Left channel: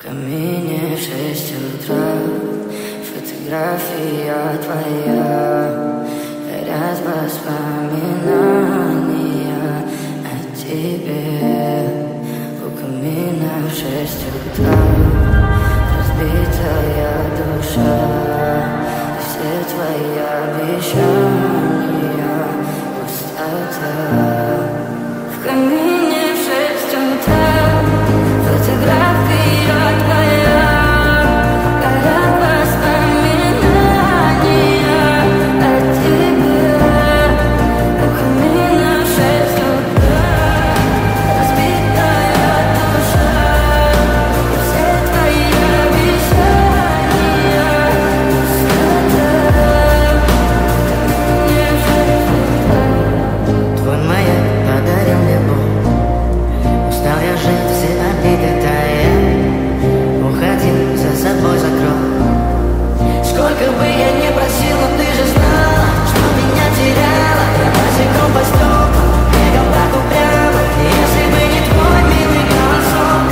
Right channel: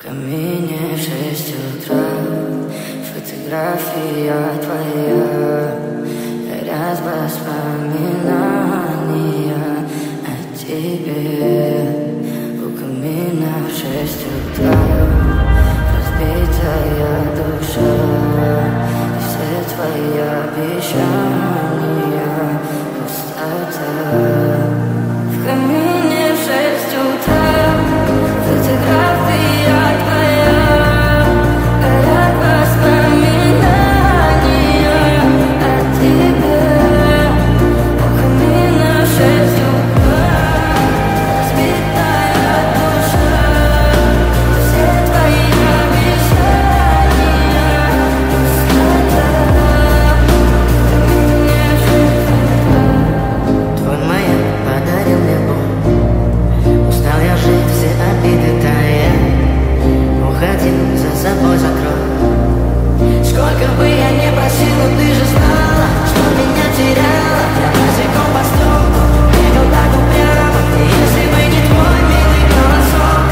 В камине в 6 утра, фотография твоя, горят воспоминания о тебе. У камина в 6 утра, разбитая душа, и все твои обещания пустота. В камине в 6 утра, фотография твоя, горят воспоминания о тебе. У камина в 6 утра, разбитая душа, и все твои обещания пустота. В камине в 6 утра. Твой маяк подарил мне боль. Устал я жить, все обиды тая. Уходи, за собой закрой. Сколько бы я не просил, но ты же знала, что меня теряла. Я босиком по стеклу бегал так упрямо. И если бы не твой милый голосок,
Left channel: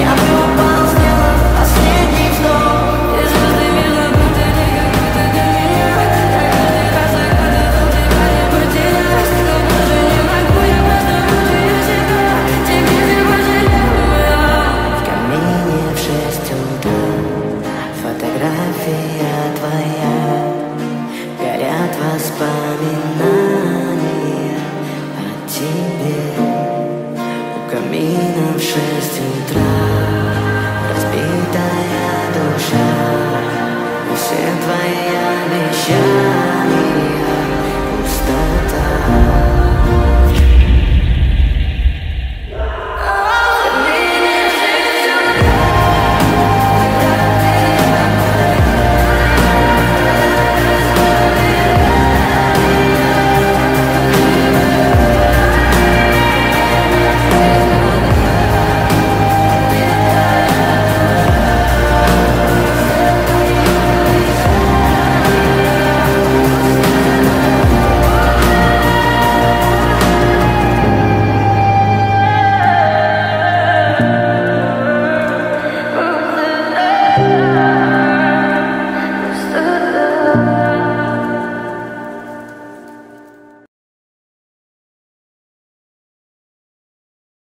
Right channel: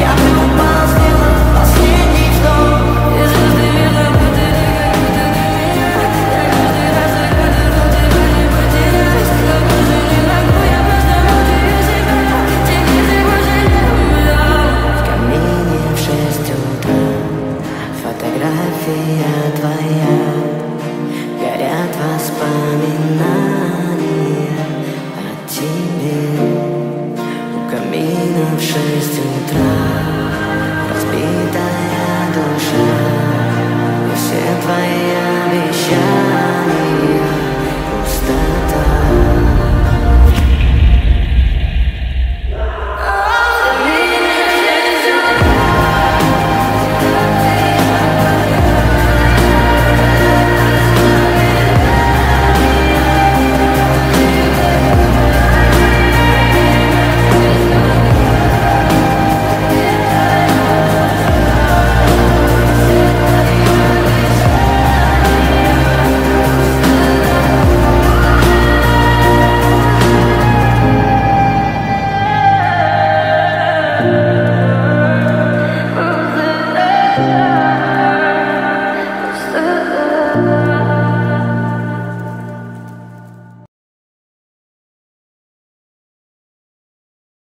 я бы упал, сделал последний вздох. И звезды мирно будили, как будто для меня. Я каждый раз загадывал тебя не потерять, но больше не могу, я просто мучаю себя. Тебе же пожалел. В камине в 6 утра, фотография твоя, горят воспоминания о тебе. У камина в 6 утра, разбитая душа, и все твои обещания